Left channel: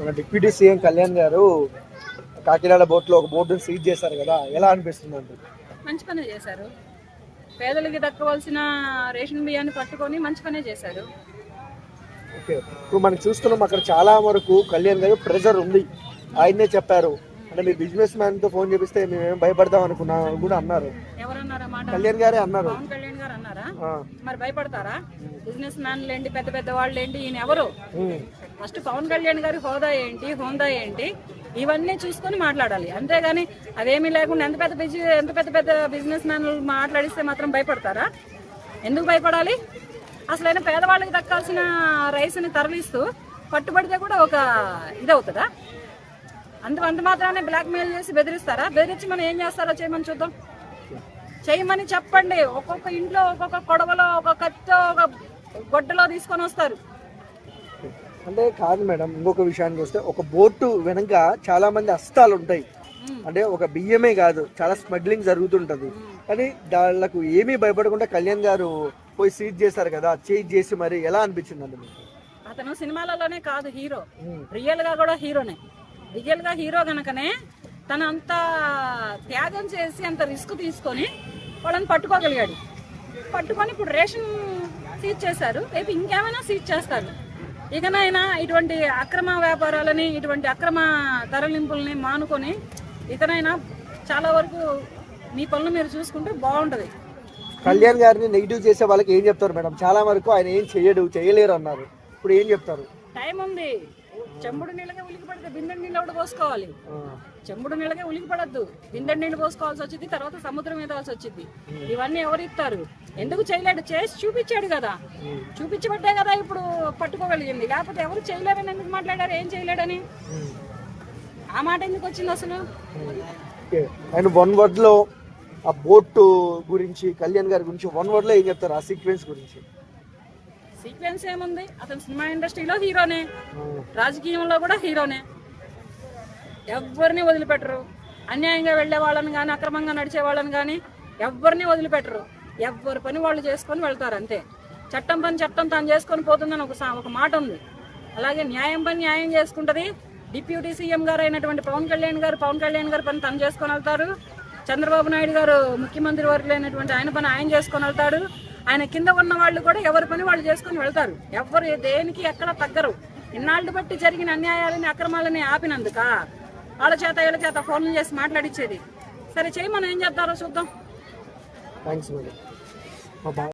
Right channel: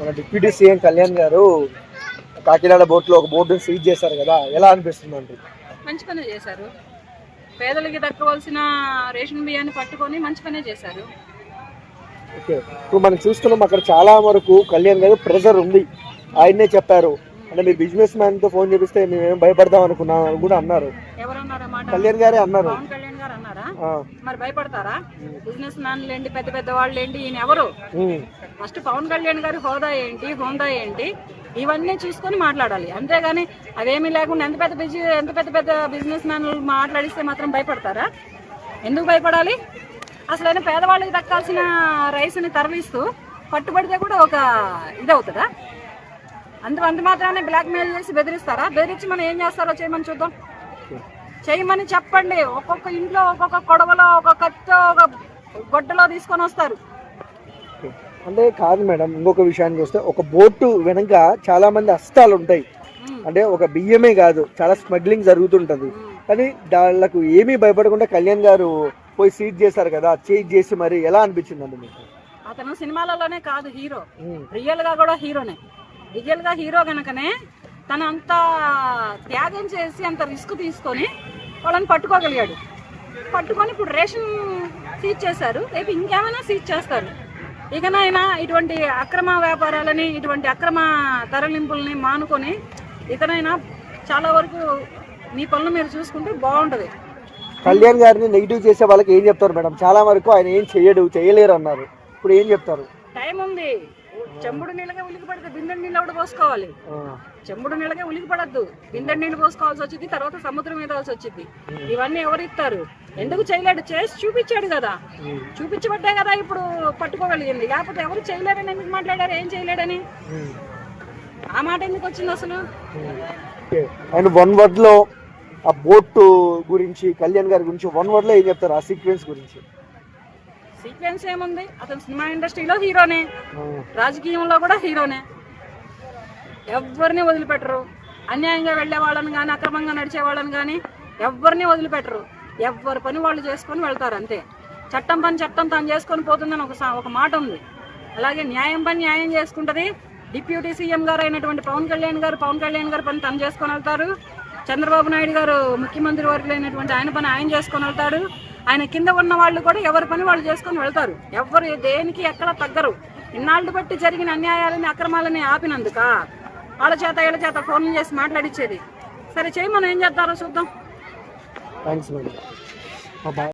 మన deputy CM Kalyan గారు కాకినాడ బోట్లో ఒక బోర్డుని సీజ్ చేశారు కదా ఎలా అనిపిస్తుంది అండి? మంచి పనే చేశారు. పేదలకి దక్కవలసిన రేషన్ బియ్యాన్ని పట్టుకొని మంచి పనే చేశారు. ఓకే. ఇప్పుడు మనం చూస్తున్నాం అక్కడ చాలా వరకు కళ్యాణ్ గారు ప్రెజర్ ఉంది. ఆయన్నే చెప్పారు. అంటే మీ బిజినెస్ మ్యాన్తో ఫోన్ చేపిస్తే మేమేం భయపడదాం అనుకున్నాం అని కూడా అన్నారు. కళ్యాణ్ గారే అన్నారు. మరి భయపడతారా? బిజినెస్ మ్యాన్లు ఏంటి పెద్ద పెద్ద వాళ్ళు ఏంటి ఈయన ఎవరు? ఫస్ట్ పవన్ కళ్యాణ్ గారి హోదా ఏంటి హోదా ఏంటి? ఇవన్నీ చూసుకొని మాట్లాడాలి. అంతేగాని అవేమీ లేకుండా ఎంత పెద్ద బిజీ ఎంత పెద్ద పెద్ద బిజినెస్ మ్యాన్లు మాట్లాడిస్తే మాత్రం భయపడతారా? ఎందుకు భయపడాలి? అసలైన పేదవాళ్ళకి దక్కాల్సిన రైస్ని తరలిస్తూ పట్టుబడితే కూడా ఒక ఇదవుతుందా? అంత అంత మాత్రాన్ని బ్లాక్ మెయిల్ చేసి బెదిరిస్తారా? బెదిరించి మనం ఏం చేస్తారో చేయమని చూద్దాం. చేయమని చెప్పండి. ఒక్కొక్క ఇంట్లో ఒక్కొక్క కొడవలో ఒక్కొక్క కత్తో ఒక గొడ్డలో తీసుకొని వస్తారు. అంటే కాదు మేడం ఇంకొక విషయానికి వస్తే ఒక బోటు వెనక చాలా మంది అస్తాలు ఉంటాయి. అంటే ఒక బియ్యమే కాదు చాలా స్మగ్లింగ్ జరుగుతుంటది. కానీ వాళ్ళకు ఏమీ భయపడకుండా కళ్యాణ్ గారు పోయి సీజ్ చేశారు కదా చేజ్ చేసి మరి ఎలా అనిపించిందండి మీకు? అతను సినిమాలలోనే కాదు హీరో. రియల్గా కూడా హీరోనే. రియల్గా హీరో గనకనే తను అంత త్యాగం చేసి అంత రిస్క్ తీసుకొని వాళ్ళని పట్టుకోగలిగాడు. పట్టుకొని ఇప్పుడు రేషన్ సీజ్ చేశారు. రేపు ఇంకేమైనా సీజ్ చేస్తారు. ఇకనైనా ఇటువంటి అక్రమ వ్యాపారాలని ఇటువంటి అక్రమ తరలింపుల్ని మానుకొని ఇకనైనా చాలా వరకు మీ పనులు మీరు చూసుకుంటే బాగుంటుంది. కళ్యాణ్ గారిని నెగిటివ్ చేసే వాళ్ళకి ఏం చెప్తారు మేడం? చాలా వరకు ఆయన ఏం చేయడు చేయలేరు అన్నారు. ఇప్పుడు ఏం చెప్తారు? టైం ఉంది. చెంబుడు నీళ్ళగా ఉలికి పడితే బిందె నీళ్ళు కూడా పోసుకోవాలి? చెంబుడు నీళ్ళకే ఉలికి పడద్దు. బిందె నీళ్ళు పోసుకోవాల్సి వచ్చింది తర్వాత సముద్రం ఈదాల్సి వచ్చింది. ఇవన్నీ ఎవరు ఇస్తారు? ఎందుకు చేయలేడు? చేసి చూపించాడు కదా. ఉమ్, చూపించబట్టే కదా ఇప్పుడు పట్టుకోగలిగింది. లేకపోతే ఎవరు చేయలేరని ఎందుకు మాట్లాడారు? ఏం చేయలేడని? ఆ మాట ఎందుకు వచ్చింది అసలు. అండ్ వన్ వర్డ్లో ఆ బోట్ గురించి కళ్యాణ్ గారి గురించి వన్ వర్డ్లో ఏం చెప్తారు? ఆ సీక్వెన్స్ గురించి. సీక్వెన్స్ ఏముంది? అతను సినిమా ఇండస్ట్రీలో హీరోనే. రాజకీయంలో కూడా హీరోనే. ఎవరిని వదిలిపెట్టరు? అన్యాయంగా వెళ్ళే వాళ్ళని కానీ అక్రమంగా నడిచే వాళ్ళని కానీ ఎవరిని వదిలిపెట్టరు? ఎవరి పని వాళ్ళు చేసుకొని వెళ్తారు అంతే. చట్టం పని చట్టం తాను చేసుకొని పోతుందని ఒక సా- ఒక మాట ఉంది. అలాగే న్యాయం పని న్యాయం చేసుకుంటుంది. డిప్యూటీ సీఎం గారు అయినటువంటి పవన్ కళ్యాణ్ గారు పవన్ కళ్యాణ్ గారు పని తను చేసుకొని వెళ్తారు. చంద్రబాబు నాయుడు గారు ముఖ్యమంత్రి వర్గులైనటువంటి ఆయన పని ఆయన చేసుకొని వెళ్తాడు ఆయన కింద ఉన్న వాళ్ళు కూడా ఎవరి పని వాళ్ళు చేసుకొని వెళ్తారు. ఎవరు దేనికి ఎక్కడ తగ్గరు. ఇన్నాళ్ళు బట్టి జరిగిన అన్యాయాలని అక్రమాలని ఆపినందుక వాళ్ళ చేత వీళ్ళ చేత ఫోన్ చేసి మాట్లాడిచ్చేది. సరే చేయి మనం ఏం చేస్తారో చూద్దాం. బాయ్